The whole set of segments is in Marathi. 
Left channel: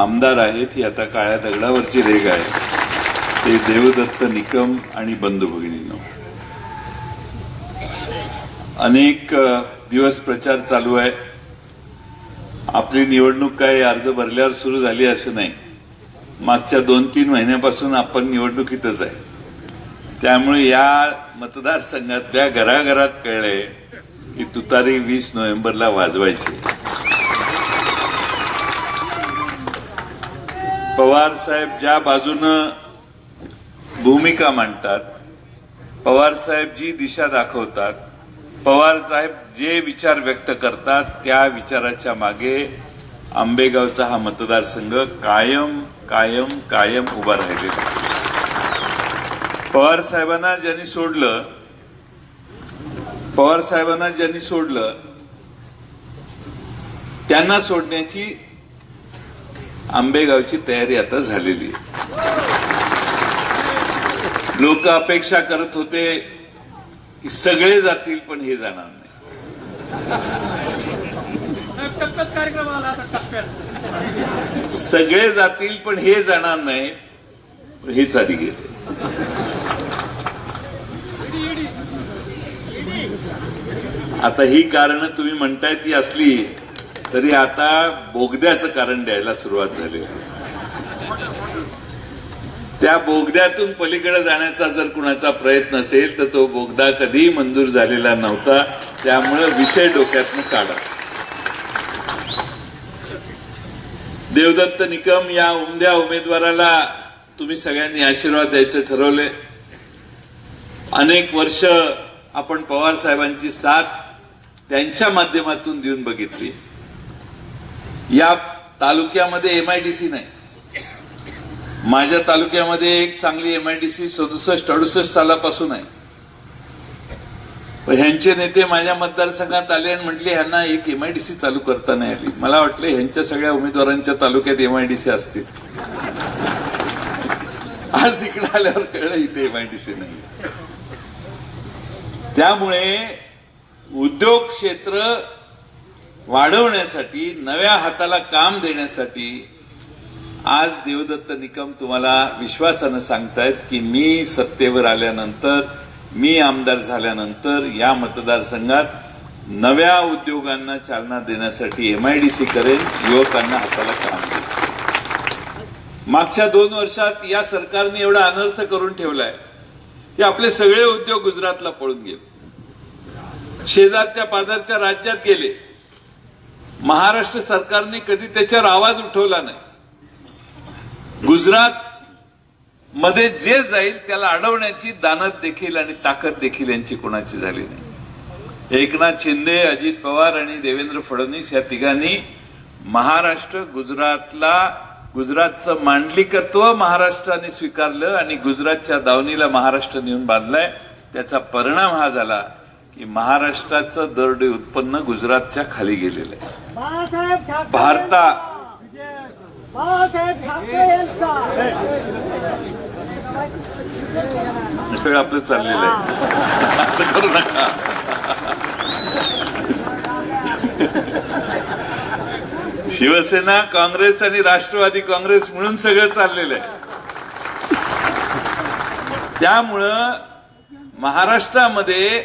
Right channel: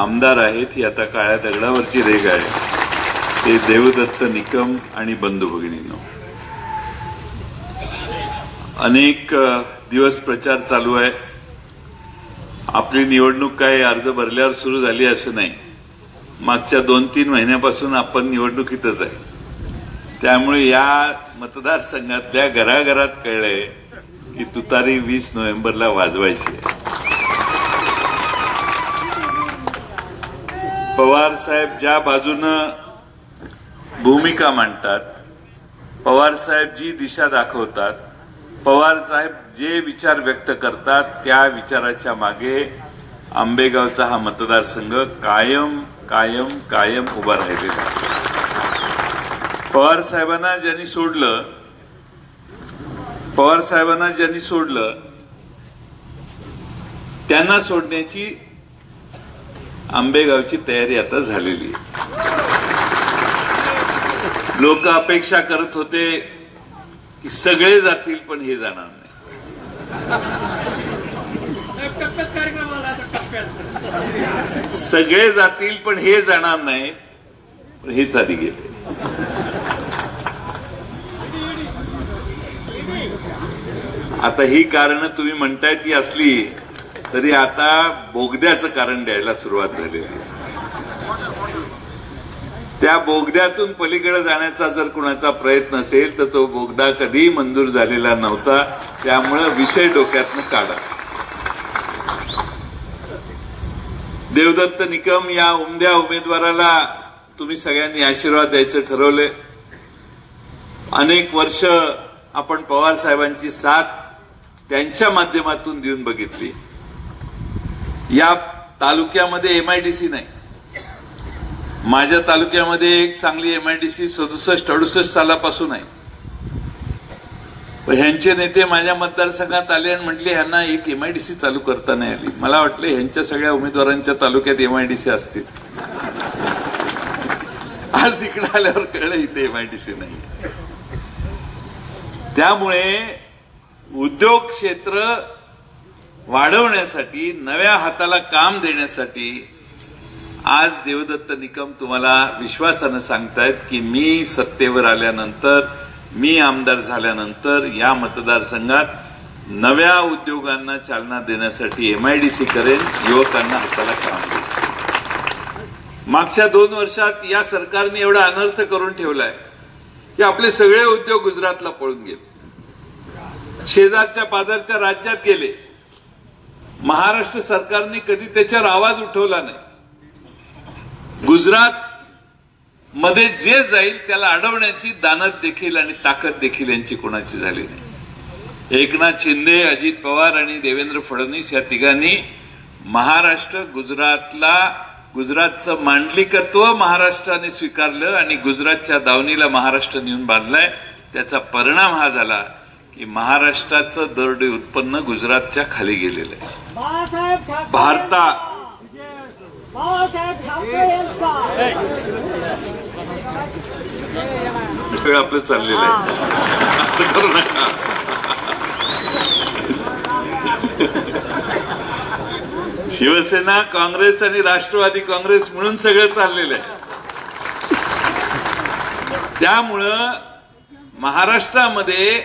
आमदार आहेत ही आता काळ्या दगडावरची रेघ आहे. ते देवदत्त निकम आणि बंधू भगिनींनो, अनेक दिवस प्रचार चालू आहे. आपली निवडणूक काय अर्ज भरल्यावर सुरू झाली असं नाही. मागच्या 2-3 महिन्यापासून आपण निवडणुकीतच आहे. त्यामुळे या मतदारसंघातल्या घराघरात कळलंय की तुतारी 20 नोव्हेंबरला वाजवायची. पवार साहेब ज्या बाजूनं भूमिका मांडतात, पवार साहेब जी दिशा दाखवतात, पवार साहेब जे विचार व्यक्त करतात, त्या विचाराच्या मागे आंबेगावचा हा मतदारसंघ कायम कायम कायम उभा राहिलेला. पवार साहेबांना ज्यांनी सोडलं त्यांना सोडण्याची आंबेगावची तयारी आता झालेली आहे. लोक अपेक्षा करत होते की सगळे जातील, पण हे जाणार नाही. सगळे जातील पण हे जाणार नाही, पण हेच आधी गेले. आता ही कारण तुम्ही म्हणताय ती असली तरी आता बोगद्याचं कारण द्यायला सुरुवात झाली. त्या बोगद्यातून पलीकडे जाण्याचा जर कुणाचा प्रयत्न असेल तर तो बोगदा कधी मंजूर झालेला नव्हता. त्यामुळे विषय डोक्यातनं काढा. देवदत्त निकम या उमद्या उमेदवाराला तुम्ही सगळ्यांनी आशीर्वाद द्यायचं ठरवले. अनेक वर्ष आपण पवार साहेबांची साथ त्यांच्या माध्यमातून देऊन बघितली. या तालुक्यामध्ये एमआयडीसी नाही. माझ्या तालुक्यामध्ये एक चांगली एमआयडीसी 67-68 सालापासून आहे. पण ह्यांचे नेते माझ्या मतदारसंघात आले आणि म्हटले ह्यांना एक एमआयडीसी चालू करता नाही आली. मला वाटलं ह्यांच्या सगळ्या उमेदवारांच्या तालुक्यात एमआयडीसी असतील. आज इकडे आल्यावर कळलं इथे एमआयडीसी नाही. त्यामुळे उद्योग क्षेत्र वाढवण्यासाठी, नव्या हाताला काम देण्यासाठी आज देवदत्त निकम तुम्हाला विश्वासानं सांगतायत की मी सत्तेवर आल्यानंतर, मी आमदार झाल्यानंतर या मतदारसंघात नव्या उद्योगांना चालना देण्यासाठी एमआयडीसी करेन, युवकांना हाताला काम देईन. मागच्या 2 वर्षात या सरकारने एवढा अनर्थ करून ठेवलाय की आपले सगळे उद्योग गुजरातला पळून गेले, शेजारच्या पाजारच्या राज्यात गेले. महाराष्ट्र सरकारने कधी त्याच्यावर आवाज उठवला नाही. गुजरात मध्ये जे जाईल त्याला अडवण्याची दानत देखील आणि ताकद देखील यांची कोणाची झाली नाही. एकनाथ शिंदे, अजित पवार आणि देवेंद्र फडणवीस या तिघांनी महाराष्ट्र, गुजरातचं मांडलिकत्व महाराष्ट्राने स्वीकारलं आणि गुजरातच्या दावणीला महाराष्ट्र नेऊन बांधलाय. त्याचा परिणाम हा झाला की महाराष्ट्राचं दरडोई उत्पन्न गुजरातच्या खाली गेलेलं आहे. आपलं चाललेलं आहे, असं करू नका. शिवसेना, काँग्रेस आणि राष्ट्रवादी काँग्रेस म्हणून सगळं चाललेलं आहे. त्यामुळं महाराष्ट्रामध्ये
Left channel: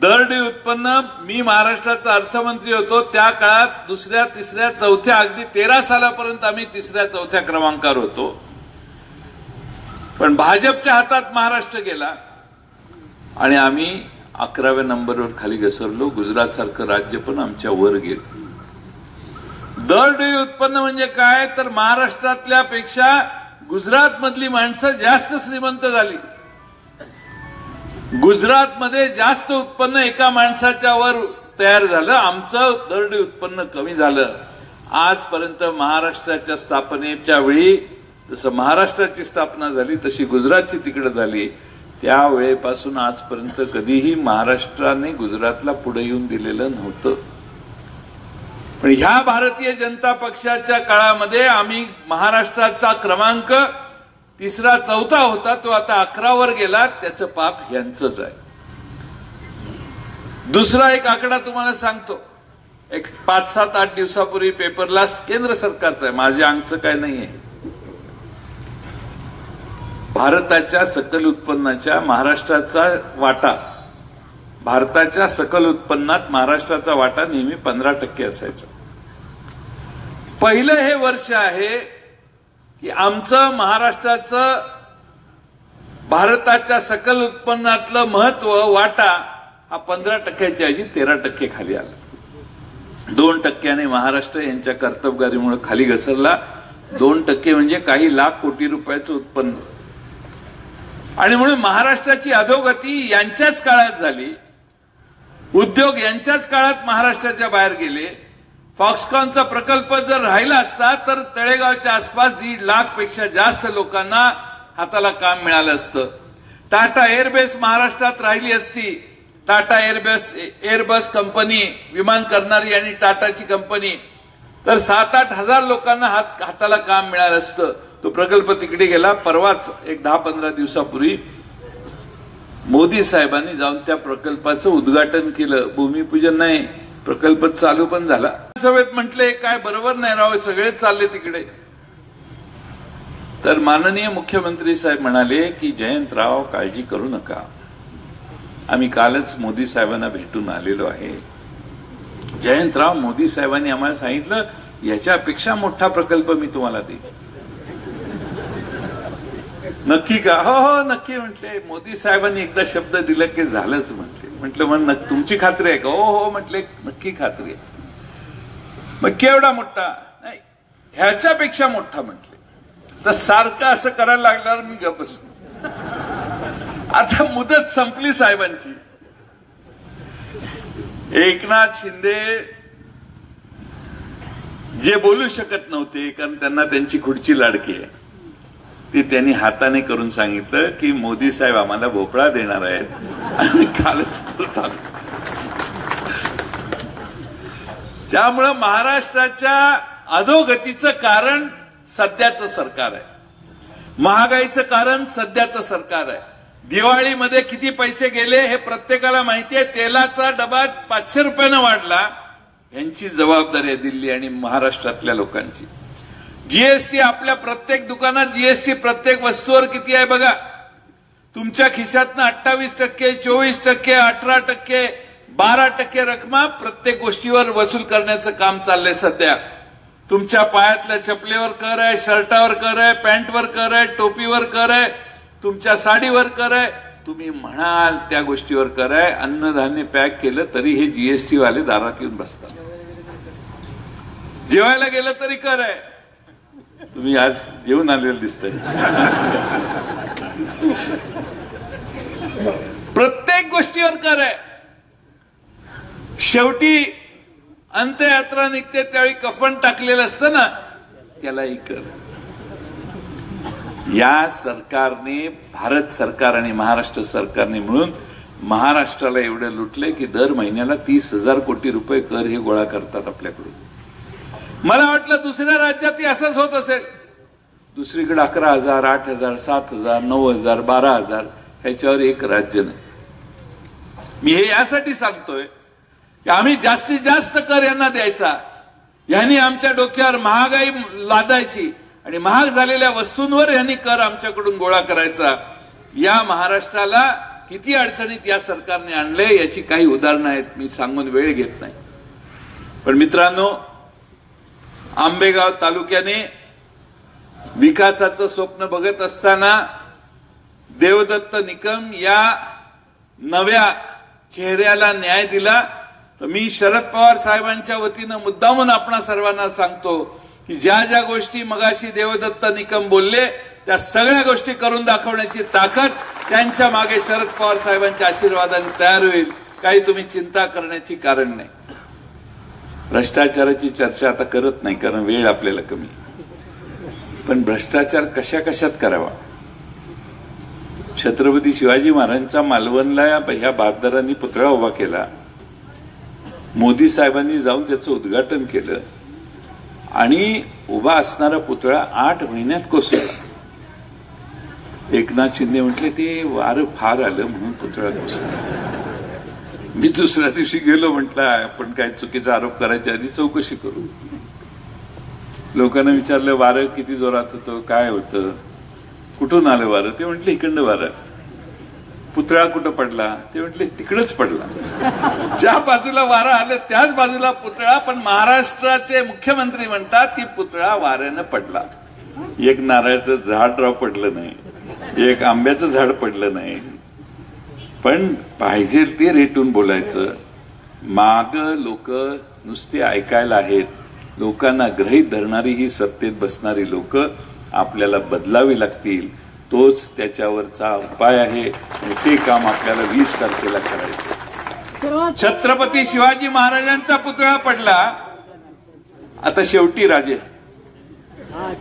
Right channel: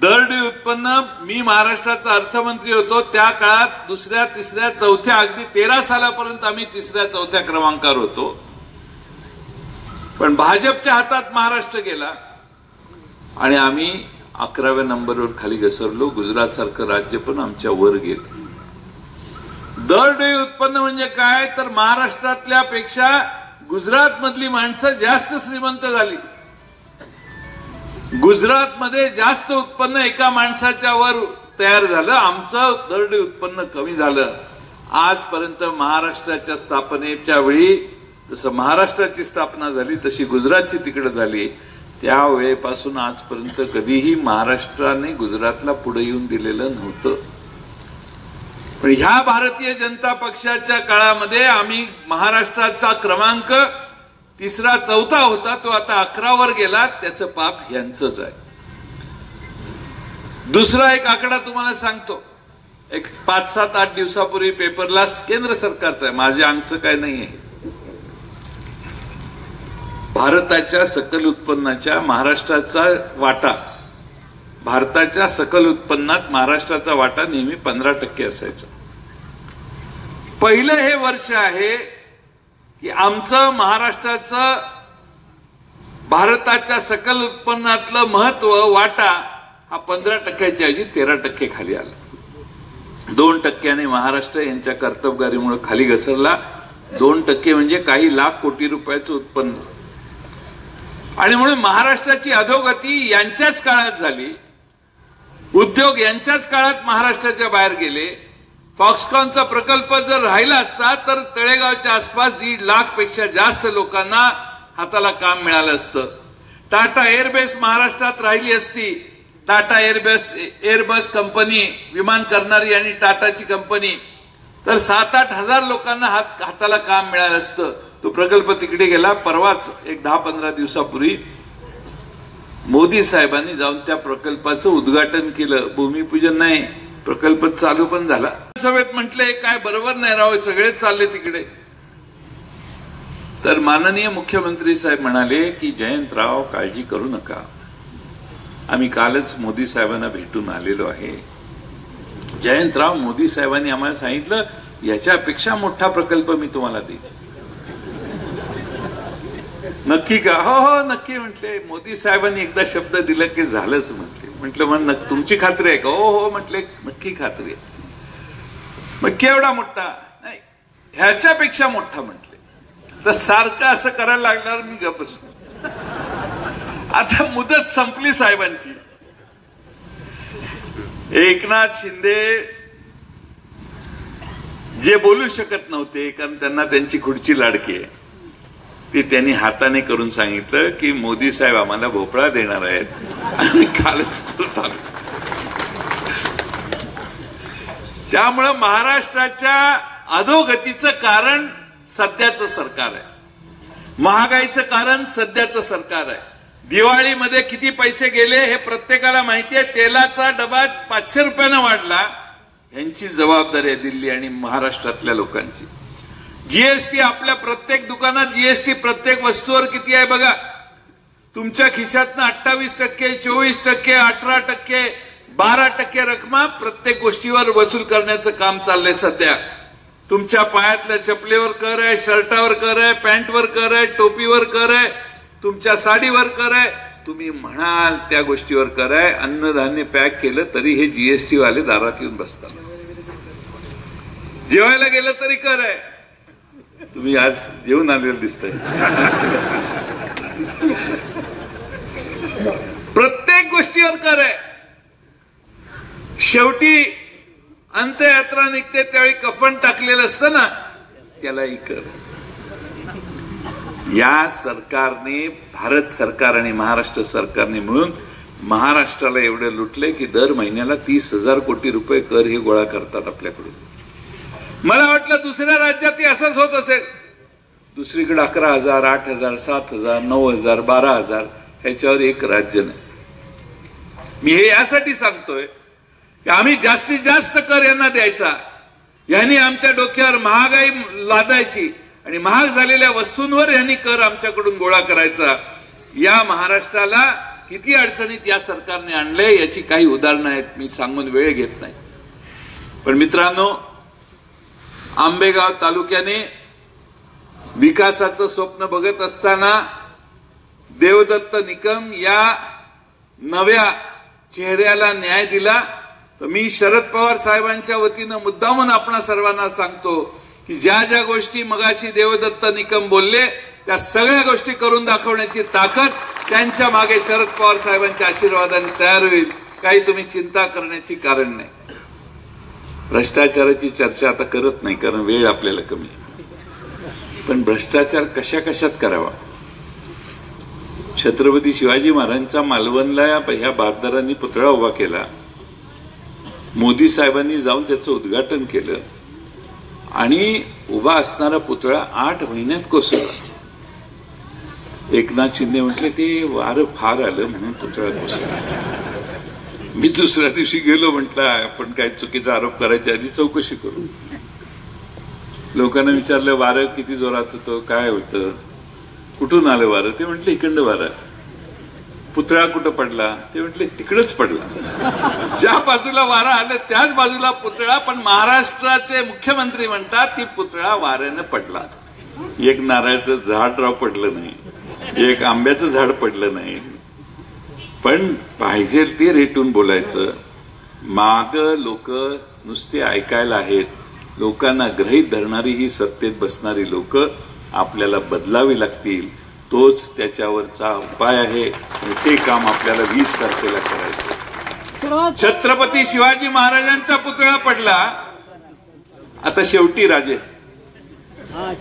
दरडोई उत्पन्न, मी महाराष्ट्राचा अर्थमंत्री होतो त्या काळात 2ऱ्या, 3ऱ्या, 4थ्या, अगदी 13 सालापर्यंत आम्ही 3ऱ्या, 4थ्या क्रमांकावर होतो. पण भाजपच्या हातात महाराष्ट्र गेला आणि आम्ही 11व्या नंबरवर खाली घसरलो. गुजरातसारखं राज्य पण आमच्या वर गेलं. दरडोई उत्पन्न म्हणजे काय तर महाराष्ट्रातल्या पेक्षा गुजरातमधली माणसं जास्त श्रीमंत झाली. गुजरातमध्ये जास्त उत्पन्न एका माणसाच्या वर तयार झालं. आमचं दरडोई उत्पन्न कमी झालं. आजपर्यंत महाराष्ट्राच्या स्थापनेच्या वेळी जसं महाराष्ट्राची स्थापना झाली तशी गुजरातची तिकडे झाली. त्यावेळेपासून आजपर्यंत कधीही महाराष्ट्राने गुजरातला पुढे येऊन दिलेलं नव्हतं. पण ह्या भारतीय जनता पक्षाच्या काळामध्ये आम्ही महाराष्ट्राचा क्रमांक 3रा, 4था होता, तो आता 11वर गेला. त्याचं पाप यांचंच आहे. दुसरा एक आकडा तुम्हाला सांगतो. एक 5-7-8 दिवसापूर्वी पेपरला केंद्र सरकारचं आहे, माझ्या अंगचं काय नाहीये, भारताच्या सकल उत्पन्नाच्या महाराष्ट्राचा वाटा, भारताच्या सकल उत्पन्नात महाराष्ट्राचा वाटा नेहमी 15% असायचा. पहिलं हे वर्ष आहे की आमचं महाराष्ट्राचं भारताच्या सकल उत्पन्नातलं महत्व वाटा हा 15%च्या ऐवजी 13% खाली आला. 2% महाराष्ट्र यांच्या कर्तबगारीमुळे खाली घसरला. 2% म्हणजे काही लाख कोटी रुपयाचं उत्पन्न. आणि म्हणून महाराष्ट्राची अधोगती यांच्याच काळात झाली. उद्योग यांच्याच काळात महाराष्ट्राच्या बाहेर गेले. फॉक्सकॉनचा प्रकल्प जर राहिला असता तर तळेगावच्या आसपास 1.5 लाखपेक्षा जास्त लोकांना हाताला काम मिळालं असतं. टाटा एअरबेस महाराष्ट्रात राहिली असती. टाटा एअरबस कंपनी विमान करणारी आणि टाटाची कंपनी, तर 7-8 हजार लोकांना हाताला काम मिळालं असतं. तो प्रकल्प तिकडे गेला. परवाच एक 10-15 दिवसापूर्वी मोदी साहेबांनी जाऊन त्या प्रकल्पाचं उद्घाटन केलं. भूमिपूजन नाही, प्रकल्प चालू पण झाला. सभेत म्हटले काय बरोबर नाही राव, सगळेच चालले तिकडे. तर माननीय मुख्यमंत्री साहेब म्हणाले की जयंतराव काळजी करू नका, आम्ही कालच मोदी साहेबांना भेटून आलेलो आहे. जयंतराव, मोदी साहेबांनी आम्हाला सांगितलं याच्यापेक्षा मोठा प्रकल्प मी तुम्हाला देईन. नक्की का? हो हो नक्की म्हटले. मोदी साहेबांनी एकदा शब्द दिला की झालंच म्हटले. म्हटलं मग तुमची खात्री आहे का? हो हो म्हटले, नक्की खात्री आहे. मग केवढा मोठा? नाही, ह्याच्यापेक्षा मोठा म्हटले. तर सारखं असं करायला लागणार, मी गप्प बसलो. आता मुदत संपली साहेबांची. एकनाथ शिंदे जे बोलू शकत नव्हते कारण त्यांना त्यांची खुर्ची लाडकी आहे, ते त्यांनी हाताने करून सांगितलं की मोदी साहेब आम्हाला भोपळा देणार आहेत आणि कालच परत आलो. त्यामुळं महाराष्ट्राच्या अधोगतीचं कारण सध्याचं सरकार आहे. महागाईचं कारण सध्याचं सरकार आहे. दिवाळीमध्ये किती पैसे गेले हे प्रत्येकाला माहिती आहे. तेलाचा डबा 500 रुपयानं वाढला, यांची जबाबदारी आहे दिल्ली आणि महाराष्ट्रातल्या लोकांची. जीएसटी, आपल्या प्रत्येक दुकानात जीएसटी प्रत्येक वस्तूवर किती आहे बघा. तुमच्या खिशातनं 28%, 24%, 18%, 12% रकमा प्रत्येक गोष्टीवर वसूल करण्याचं काम चाललंय सध्या. तुमच्या पायातल्या चपलीवर कर आहे, शर्टावर कर आहे, पॅन्टवर कर आहे, टोपीवर कर आहे, तुमच्या साडीवर कर आहे, तुम्ही म्हणाल त्या गोष्टीवर कर आहे. अन्नधान्य पॅक केलं तरी हे जीएसटी वाले दारात येऊन बसतात. जेवायला गेलं तरी कर आहे. तुम्ही आज जेवून आलेलं दिसतंय. प्रत्येक गोष्टीवर कर आहे. शेवटी अंत्ययात्रा निघते त्यावेळी कफन टाकलेलं असतं ना, त्यालाही कर. या सरकारने, भारत सरकार आणि महाराष्ट्र सरकारने मिळून महाराष्ट्राला एवढं लुटले की दर महिन्याला 30,000 कोटी रुपये कर हे गोळा करतात आपल्याकडून. मला वाटलं दुसऱ्या राज्यातही असंच होत असेल. दुसरीकडे 11,000, 8,000, 7,000, 9,000, 12,000 ह्याच्यावर एक राज्य नाही. मी हे यासाठी सांगतोय की आम्ही जास्तीत जास्त कर यांना द्यायचा, यांनी आमच्या डोक्यावर महागाई लादायची आणि महाग झालेल्या वस्तूंवर यांनी कर आमच्याकडून गोळा करायचा. या महाराष्ट्राला किती अडचणीत या सरकारने आणले याची काही उदाहरणं आहेत, मी सांगून वेळ घेत नाही. पण मित्रांनो, आंबेगाव तालुक्याने विकासाचं स्वप्न बघत असताना देवदत्त निकम या नव्या चेहऱ्याला न्याय दिला. तर मी शरद पवार साहेबांच्या वतीनं मुद्दामून आपणा सर्वांना सांगतो की ज्या ज्या गोष्टी मगाशी देवदत्त निकम बोलले त्या सगळ्या गोष्टी करून दाखवण्याची ताकद त्यांच्या मागे शरद पवार साहेबांच्या आशीर्वादाने तयार होईल. काही तुम्ही चिंता करण्याची कारण नाही. भ्रष्टाचाराची चर्चा आता करत नाही कारण वेळ आपल्याला कमी. पण भ्रष्टाचार कशा कशात करावा? छत्रपती शिवाजी महाराजांचा मालवणला ह्या बहादरांनी पुतळा उभा केला. मोदी साहेबांनी जाऊन त्याचं उद्घाटन केलं आणि उभा असणारा पुतळा 8 महिन्यात कोसळला. एकनाथ शिंदे म्हटले ते वारं फार आलं म्हणून पुतळा कोसळला. मी दुसऱ्या दिवशी गेलो, म्हटलं आपण काही चुकीचा आरोप करायच्या आधी चौकशी करू. लोकांना विचारलं वारं किती जोरात होतं, काय होतं, कुठून आलं वारं. ते म्हटलं इकडनं वारं. पुतळा कुठं पडला, ते म्हटले तिकडच पडला. ज्या बाजूला वारं आलं त्याच बाजूला पुतळा. पण महाराष्ट्राचे मुख्यमंत्री म्हणतात की पुतळा वाऱ्यानं पडला. एक नारळाचं झाड राव पडलं नाही, एक आंब्याचं झाड पडलं नाही. पण पाहिजे ते रेटून बोलायचं. माग लोक नुसते ऐकायला आहेत. लोकांना ग्रहीत धरणारी ही सत्तेत बसणारी लोक आपल्याला बदलावी लागतील. तोच त्याच्यावरचा उपाय आहे. ते काम आपल्याला 20 तारखेला करायचं. छत्रपती शिवाजी महाराजांचा पुतळा पडला. आता शेवटी राजे,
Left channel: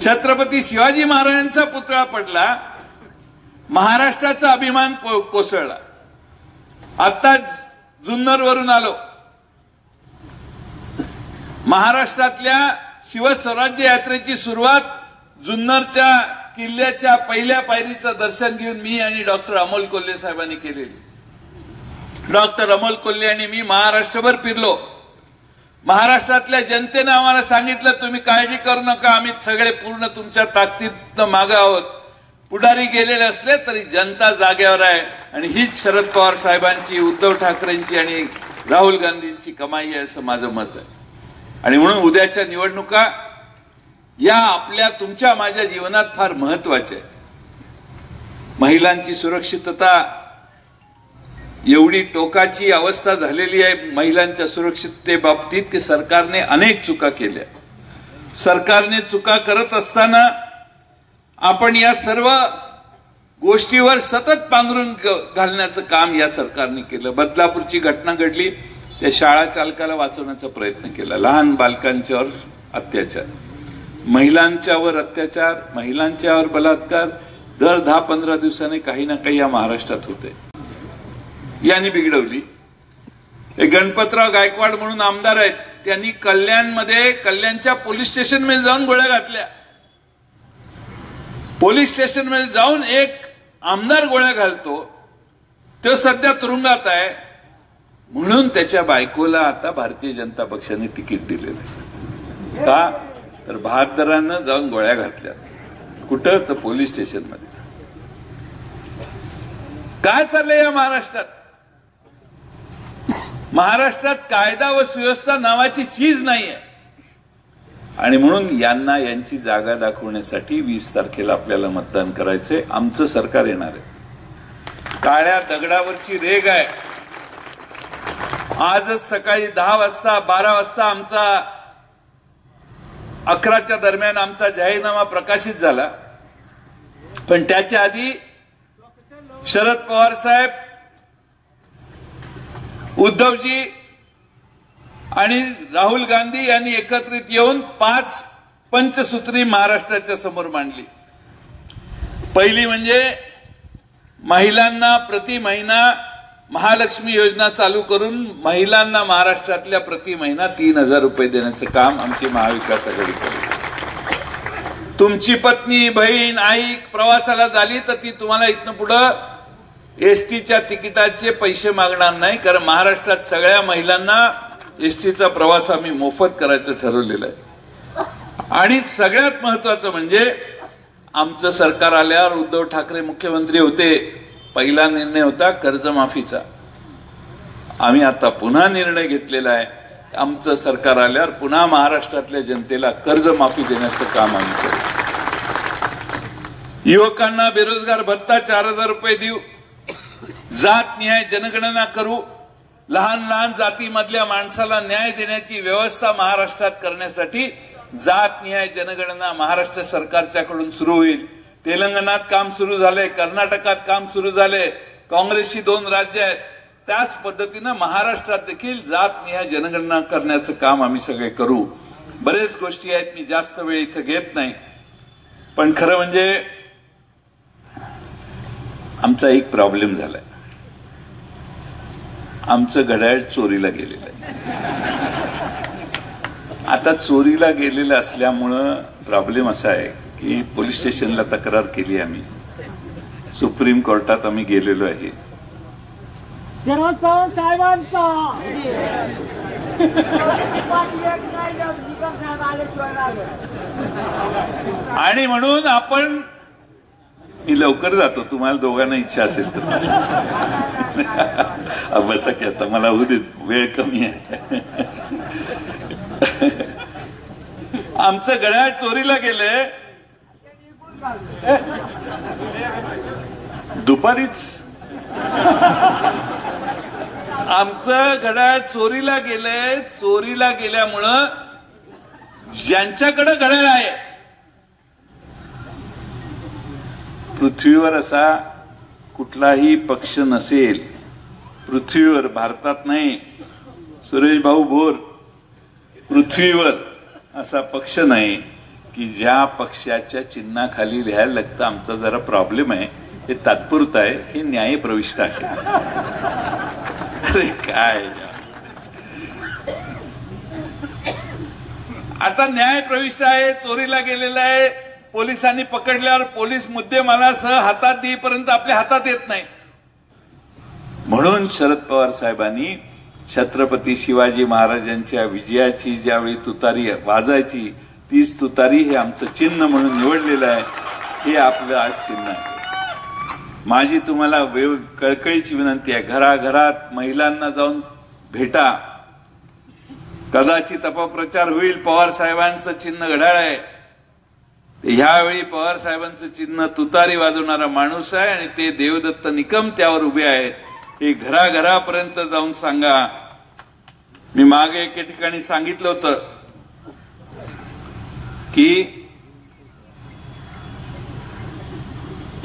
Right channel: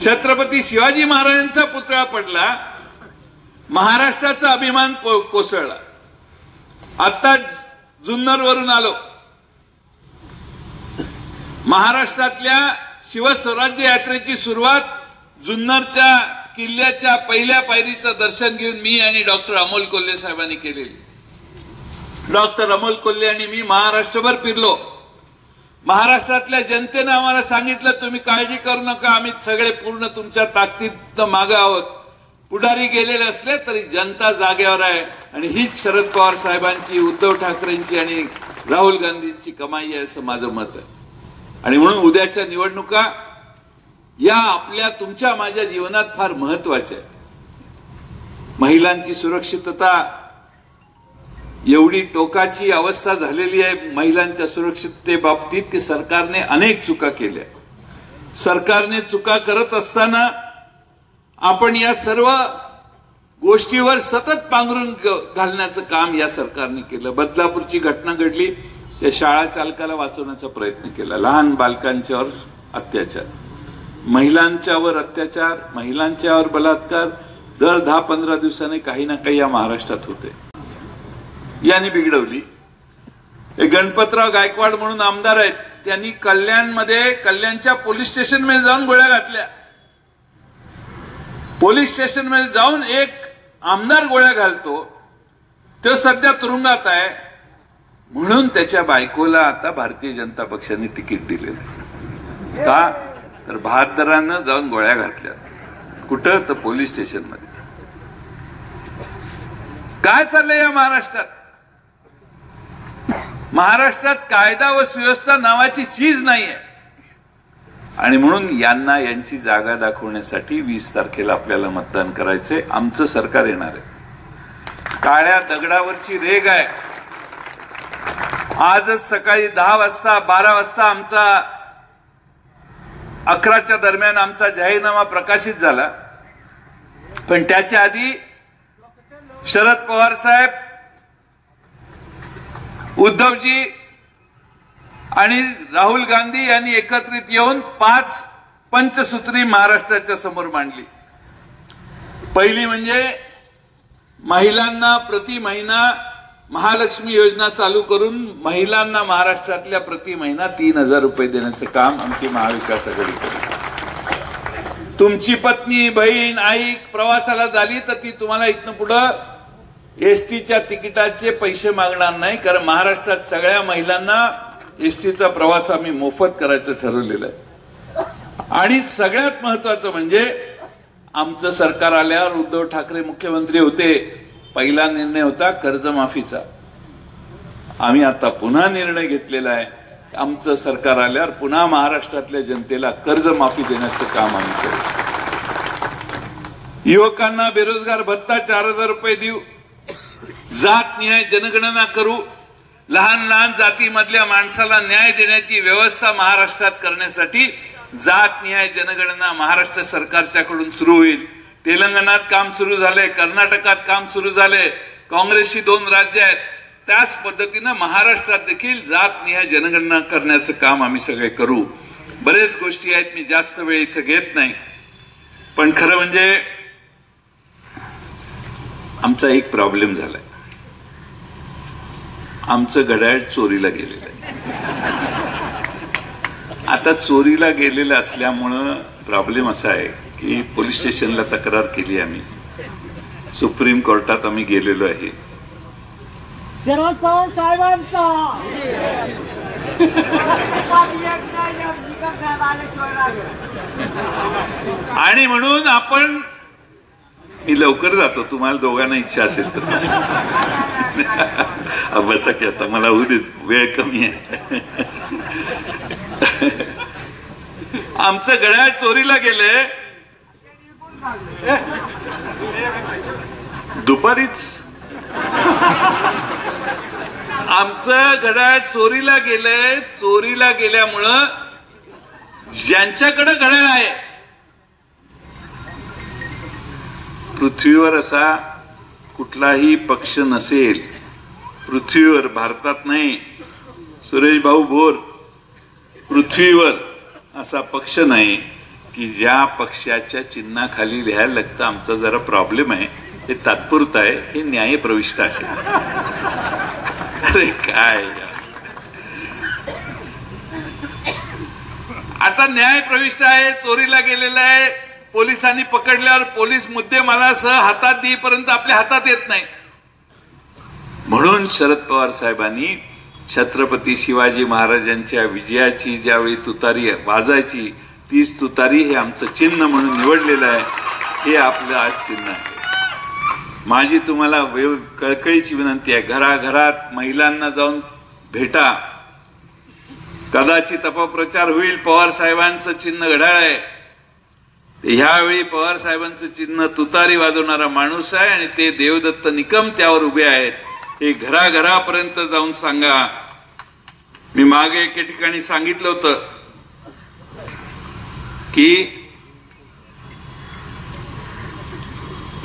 छत्रपती शिवाजी महाराजांचा पुतळा पडला. महाराष्ट्राचा अभिमान कोसळला. आता जुन्नरवरून आलो. महाराष्ट्रातल्या शिवस्वराज्य यात्रेची सुरुवात जुन्नरच्या किल्ल्याच्या पहिल्या पायरीचं दर्शन घेऊन मी आणि डॉक्टर अमोल कोल्हे साहेबांनी केलेली. डॉक्टर अमोल कोल्हे आणि मी महाराष्ट्रभर फिरलो. महाराष्ट्रातल्या जनतेनं आम्हाला सांगितलं तुम्ही काळजी करू नका, आम्ही सगळे पूर्ण तुमच्या ताकदीनं मागे आहोत. पुढारी गेलेले असले तरी जनता जाग्यावर आहे. आणि हीच शरद पवार साहेबांची, उद्धव ठाकरेंची आणि राहुल गांधींची कमाई आहे असं माझं मत आहे. आणि म्हणून उद्याच्या निवडणुका या आपल्या तुमच्या माझ्या जीवनात फार महत्वाच्या आहेत. महिलांची सुरक्षितता एवढी टोकाची अवस्था झालेली आहे महिलांच्या सुरक्षिततेबाबतीत की सरकारने अनेक चुका केल्या. सरकारने चुका करत असताना आपण या सर्व गोष्टीवर सतत पांघरून घालण्याचं काम या सरकारने केलं. बदलापूरची घटना घडली, त्या शाळा चालकाला वाचवण्याचा प्रयत्न केला. लहान बालकांच्यावर अत्याचार, महिलांच्यावर अत्याचार, महिलांच्यावर बलात्कार दर 10-15 दिवसांनी काही ना काही या महाराष्ट्रात होते. यांनी बिघडवली. गणपतराव गायकवाड म्हणून आमदार आहेत, त्यांनी कल्याणच्या पोलीस स्टेशनमध्ये जाऊन गोळ्या घातल्या. पोलीस स्टेशनमध्ये जाऊन एक आमदार गोळ्या घालतो, तो सध्या तुरुंगात आहे. म्हणून त्याच्या बायकोला आता भारतीय जनता पक्षाने तिकीट दिलेलं. का तर बहादरानं जाऊन गोळ्या घातल्या. कुठं तर पोलीस स्टेशनमध्ये. काय चाललंय या महाराष्ट्रात? महाराष्ट्रात कायदा व सुव्यवस्था नावाची चीज नाहीये. आणि म्हणून यांना यांची जागा दाखवण्यासाठी 20 तारखेला आपल्याला मतदान करायचंय. आमचं सरकार येणार आहे. काळ्या दगडावरची रेग आहे. आजच सकाळी 10 वाजता 12 वाजता आमचा 11च्या दरम्यान आमचा जाहीरनामा प्रकाशित झाला. पण त्याच्या आधी शरद पवार साहेब, उद्धवजी आणि राहुल गांधी यांनी एकत्रित येऊन 5 पंचसूत्री महाराष्ट्राच्या समोर मांडली. पहिली म्हणजे महिलांना प्रति महिना महालक्ष्मी योजना चालू करून महिलांना महाराष्ट्रातल्या प्रति महिना 3,000 रुपये देण्याचं काम आमची महाविकास आघाडी करेल. तुमची पत्नी, बहीण, आई प्रवासाला झाली तर ती तुम्हाला इथनं पुढं एसटीच्या तिकिटाचे पैसे मागणार नाही. कारण महाराष्ट्रात सगळ्या महिलांना एसटीचा प्रवास आम्ही मोफत करायचं ठरवलेलं आहे. आणि सगळ्यात महत्वाचं म्हणजे आमचं सरकार आल्यावर उद्धव ठाकरे मुख्यमंत्री होते, पहिला निर्णय होता कर्जमाफीचा. आम्ही आता पुन्हा निर्णय घेतलेला आहे. आमचं सरकार आल्यावर पुन्हा महाराष्ट्रातल्या जनतेला कर्जमाफी देण्याचं काम आम्ही करू. युवकांना बेरोजगार भत्ता 4,000 रुपये देऊ. जातनिहाय जनगणना करू. लहान जातीमधल्या माणसाला न्याय देण्याची व्यवस्था महाराष्ट्रात करण्यासाठी जातनिहाय जनगणना महाराष्ट्र सरकारच्याकडून सुरू होईल. तेलंगणात काम सुरू झाले, कर्नाटकात काम सुरू झाले, काँग्रेसची 2 राज्य आहेत. त्याच पद्धतीनं महाराष्ट्रात देखील जातनिहाय जनगणना करण्याचं काम आम्ही सगळे करू. बरेच गोष्टी आहेत, मी जास्त वेळ इथे घेत नाही. पण खरं म्हणजे आमचा एक प्रॉब्लेम झालाय. आमचं घड्याळ चोरीला गेलेलं आहे. आता चोरीला गेलेलं असल्यामुळं प्रॉब्लेम असा आहे की पोलीस स्टेशनला तक्रार केली आम्ही, सुप्रीम कोर्टात आम्ही गेलेलो आहे. शरद पवार साहेबांचा आणि म्हणून आपण मी लवकर जातो, तुम्हाला दोघांना इच्छा असेल तर बसा की आता मला होऊ देत, वेळ कमी आहे. आमचं घड्याळ चोरीला गेलंय दुपारीच. आमचं घड्याळ चोरीला गेलंय. चोरीला गेल्यामुळं ज्यांच्याकडे घड्याळ आहे पृथ्वीवर असा कुठलाही पक्ष नसेल, पृथ्वीवर, भारतात नाही, सुरेश भाऊ भोर, पृथ्वीवर असा पक्ष नाही की ज्या पक्षाच्या चिन्हाखाली लिहायला लागतं आमचा जरा प्रॉब्लेम आहे, हे तात्पुरतं आहे, हे न्यायप्रविष्ट आहे. अरे काय आता न्यायप्रविष्ट आहे, चोरीला गेलेला आहे. पोलिसांनी पकडल्यावर पोलीस मुद्देमालासह हातात देईपर्यंत आपल्या हातात येत नाही. म्हणून शरद पवार साहेबांनी छत्रपती शिवाजी महाराजांच्या विजयाची ज्यावेळी तुतारी वाजायची, तीच तुतारी हे आमचं चिन्ह म्हणून निवडलेलं आहे. हे आपलं आज चिन्ह आहे. माझी तुम्हाला कळकळीची विनंती आहे, घराघरात महिलांना जाऊन भेटा. कदाचित अपप्रचार होईल, पवार साहेबांचं चिन्ह घड्याळ आहे. ह्यावेळी पवार साहेबांचं चिन्ह तुतारी वाजवणारा माणूस आहे आणि ते देवदत्त निकम त्यावर उभे आहेत. हे घराघरापर्यंत जाऊन सांगा. मी मागे एके ठिकाणी सांगितलं होतं की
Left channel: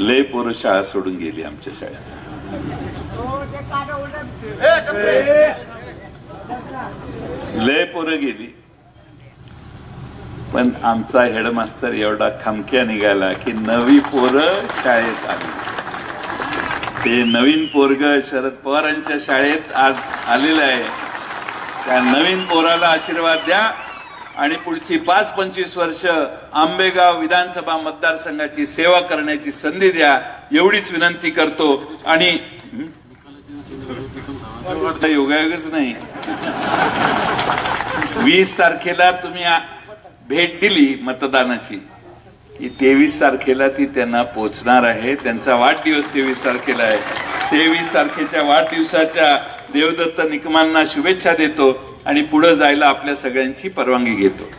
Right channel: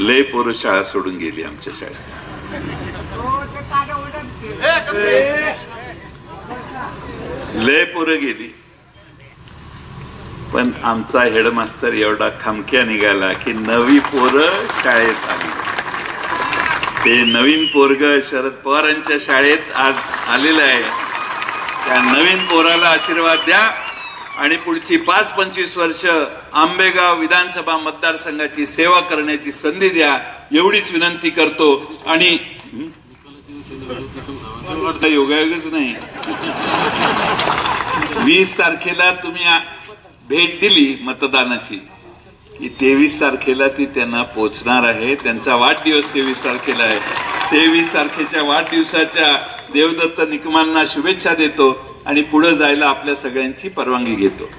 लय पोरं शाळा सोडून गेली आमच्या शाळेत. लय पोरं गेली, पण आमचा हेडमास्तर एवढा खमक्या निघाला की नवी पोरं शाळेत आली. ते नवीन पोरग शरद पवारांच्या शाळेत आज आलेलं आहे. त्या नवीन पोराला आशीर्वाद द्या आणि पुढची 5-25 वर्ष आंबेगाव विधानसभा मतदारसंघाची सेवा करण्याची संधी द्या, एवढीच विनंती करतो. आणि योगायोगच नाही, 20 तारखेला तुम्ही भेट दिली मतदानाची की 23 तारखेला ती त्यांना पोचणार आहे. त्यांचा वाढदिवस 23 तारखेला आहे. 23 तारखेच्या वाढदिवसाच्या देवदत्त निकमांना शुभेच्छा देतो आणि पुढे जायला आपल्या सगळ्यांची परवानगी घेतो.